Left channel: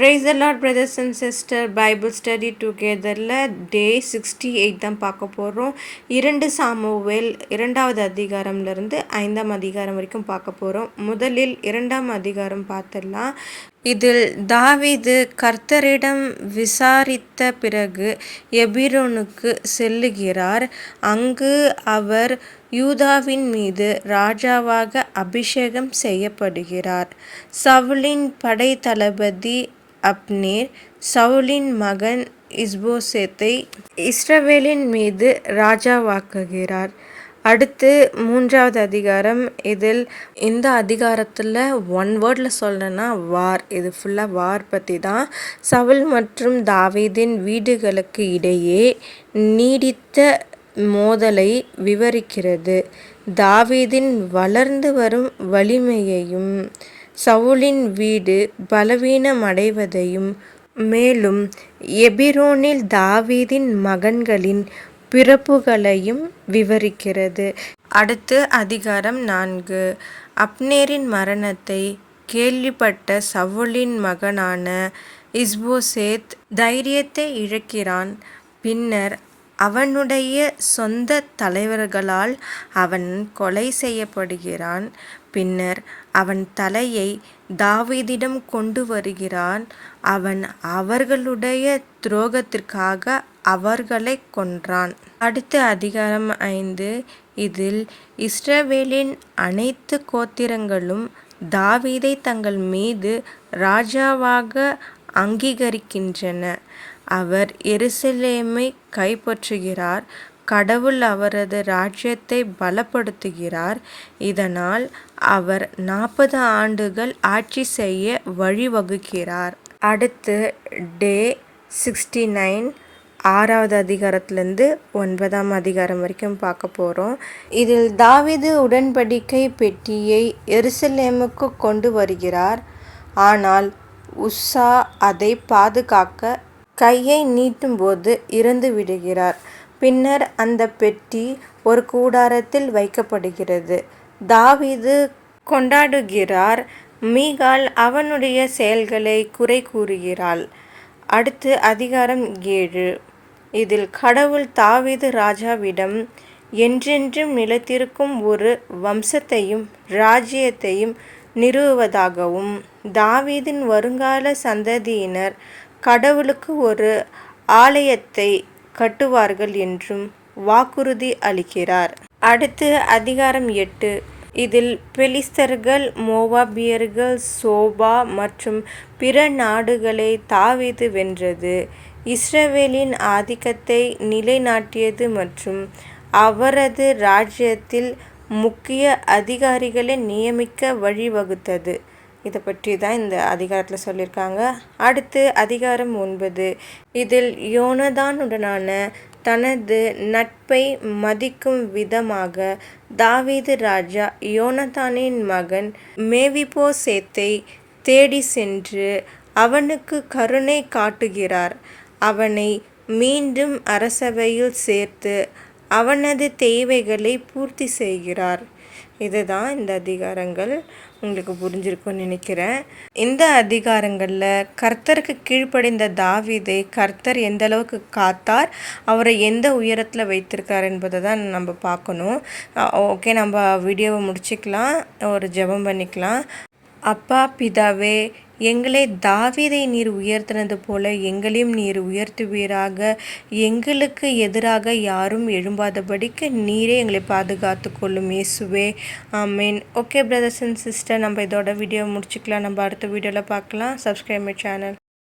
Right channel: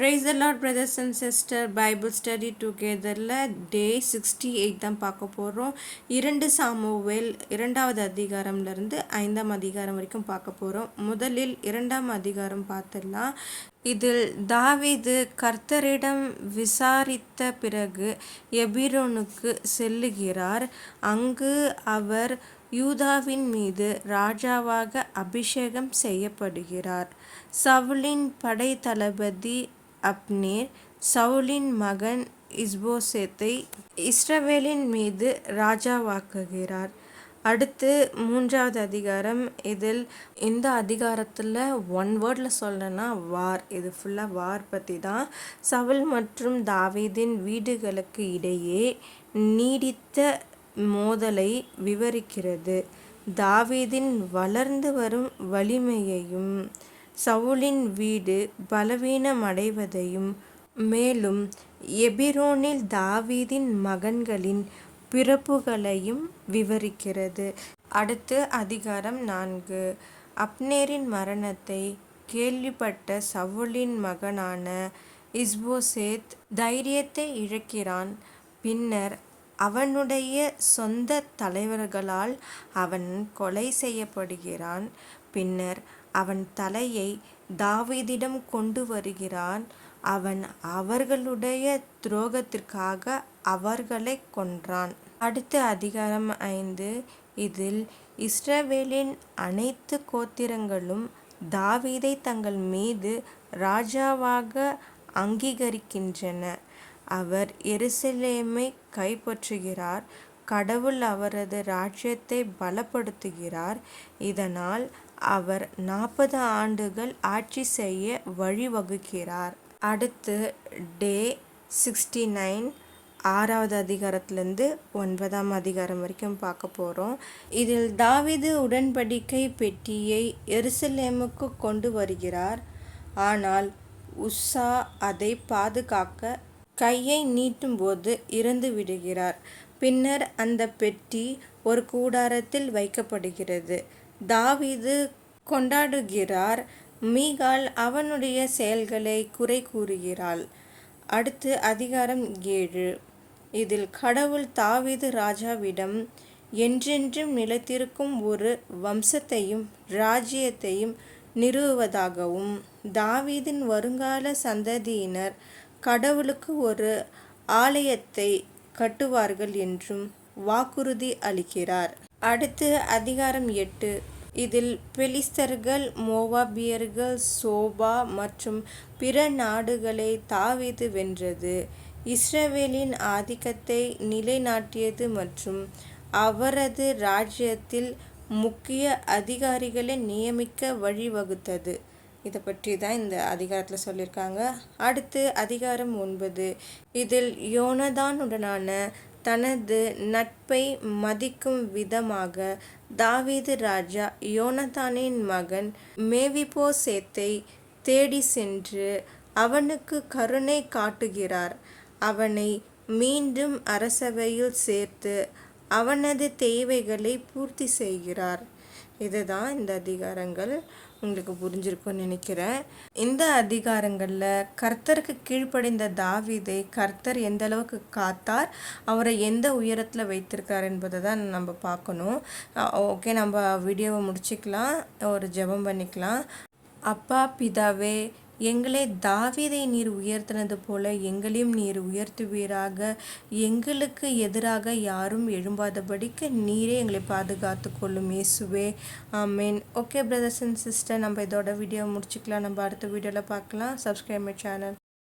Praise the Lord, brothers and sisters. Bible study togetherல டே 68 தான் பார்க்க போகிறோம். 2 சாமுவேல் 2வது அதிகாரம்லேருந்து 5ஆம் அதிகாரம் வரைக்கும் பார்க்க போகிறோம். முதலில் 2ஆம் அதிகாரம் பார்த்துடலாம். இதில் தாவீது கர்த்தரிடம் விசாரித்த பிறகு எபிரோனுக்கு செல்லுகிறார். அங்கு அவர் யூதாவின் மீது ராஜாவாக அபிஷேகம் செய்யப்படுகிறார். சவுலின் படை தளபதி அப்னேர் சவுலின் மகன் இஸ்போசேத்தை இஸ்ரவேலின் மீது ராஜாவாக்குகிறார். அடுத்து 3வது அதிகாரம். இதில் இந்த அதிகாரத்தில் ஒன் வேர்டில் சொல்லணும்னா வார். இது ஃபுல்லாக வார் பற்றி தான். சவுல் மற்றும் தாவீதின் வீடுகளுக்கு இடையே நீடித்த மோதலை விவரிக்கிறது. தாவீதின் வளர்ந்து வரும் வலிமையையும் சவுலின் வீடு பலவீனமடைவதையும் மேலும் எபிரோனில் தாவீதின் மகன்களின் பிறப்புகளையும் விவரிக்கிறது. அடுத்து அதிகாரம் 4. அப்னேரின் மரணத்தை கேள்விப்பட்ட சவுலின் மகனான இஸ்போசேத் தைரியத்தை இழக்கிறான். பின்னர் அவனுடைய சொந்த தலைவர்களால் அவன் கொலை செய்யப்படுகிறான். பின்னர் அவன் தலையை தாவீதிடம் கொண்டு வருகிறான். அவன் அவர்களுடைய துரோகத்திற்காக அவர்களை கொன்றான். அடுத்த அதிகாரம் 5. இதில் இஸ்ரவேலின் அனைத்து கோத்திரங்களும் தாவீதை தங்கள் மீது ராஜாவாக அங்கீகரிக்கின்றன. அவர் எருசலேமை கைப்பற்றுகிறார். கடவுள் அவரது ராஜ்யத்தை பலப்படுத்துகிறார். இதனால் அவர் 40 ஆண்டுகள் ஆட்சி செய்ய வழிவகுக்கிறார். அடுத்து டே 69 6வது அதிகாரத்திலேருந்து 9ஆம் அதிகாரம் வரைக்கும் பார்க்க போகிறோம். இதில் தாவீது உடன்படிக்கை பெட்டியை எருசலேமுக்கு கொண்டு வருகிறார். ஆனால் உஸ்ஸா அதை பாதுகாக்க கையை நீட்டும்போது இறந்து விடுகிறார். பின்னர் அந்த பெட்டி ஒரு கூடாரத்தில் வைக்கப்படுகிறது. தாவீது கொண்டாடுகிறார். மீகாள் அவனுடைய செயல்களை குறை கூறுகிறாள். அடுத்து அதிகாரம் 7. இதில் கடவுள் தாவீது ராஜாவிடம் என்றென்றும் நிலைத்திருக்கும் ஒரு வம்சத்தையும் ராஜ்யத்தையும் நிறுவுவதாகவும் தாவீதின் வருங்கால சந்ததியினர் கடவுளுக்கு ஒரு ஆலயத்தை கட்டுவார்கள் என்றும் வாக்குறுதி அளிக்கிறார். அடுத்து அதிகாரம் 8. இதில் பெலிஸ்தர்கள் மோவாபியர்கள் சோபா மற்றும் பிற நாடுகளை தாவீது வென்றது, இஸ்ரவேலின் ஆதிக்கத்தை நிலைநாட்டியது மற்றும் அவரது ராஜ்யத்தில் முக்கிய அதிகாரிகளை நியமிக்க வழிவகுத்தது. இதை பற்றி தான் இந்த அதிகாரத்தில் சொல்லியிருக்காங்க. அடுத்து அதிகாரம் 9. இதில் யோனதானுடனான தனது நட்பை மதிக்கும் விதமாக தாவீது ராஜா யோனதானின் மகன் மேவிபோசேத்தை தேடி சென்று அவனுக்கு கருணை காட்டுகிறார். அவனை மீண்டும் அரசவையில் சேர்த்து அவனது தேவைகளை பூர்த்தி செய்கிறார். இதுதான் இந்த அதிகாரங்கள். உங்களுக்கு புரிஞ்சிருக்கும்னு நினைக்கிறேன். இந்த அதிகாரங்களில் கர்த்தருக்கு கீழ்ப்படிந்த தாவீதை கர்த்தர் எந்த அளவுக்கு காத்தார், அவரை எந்த உயரத்தில் வைத்திருக்கார் என்பதை தான் நம்ம பார்க்கணும். ஓகே, நம்ம வீடியோவை முடிச்சுக்கலாம். ஒரு ஜெபம் பண்ணிக்கலாம். அப்பா பிதாவே, எங்களை தாவீதை நீர் உயர்த்தினது போல எங்களையும் நீர் உயர்த்துவீராக. எங்களுக்கு எதிராக யாரும் எழும்பாதபடிக்கு நீரே எங்களை பாதுகாத்து கொள்ளும் இயேசுவே. ஆமீன். ஓகே பிரதர்ஸ் அண்ட் சிஸ்டர், நம்ம இதோட வீடியோ முடிச்சுக்கலாம். நம்ம அடுத்த வீடியோவில் பார்க்கலாம். Subscribe my channel.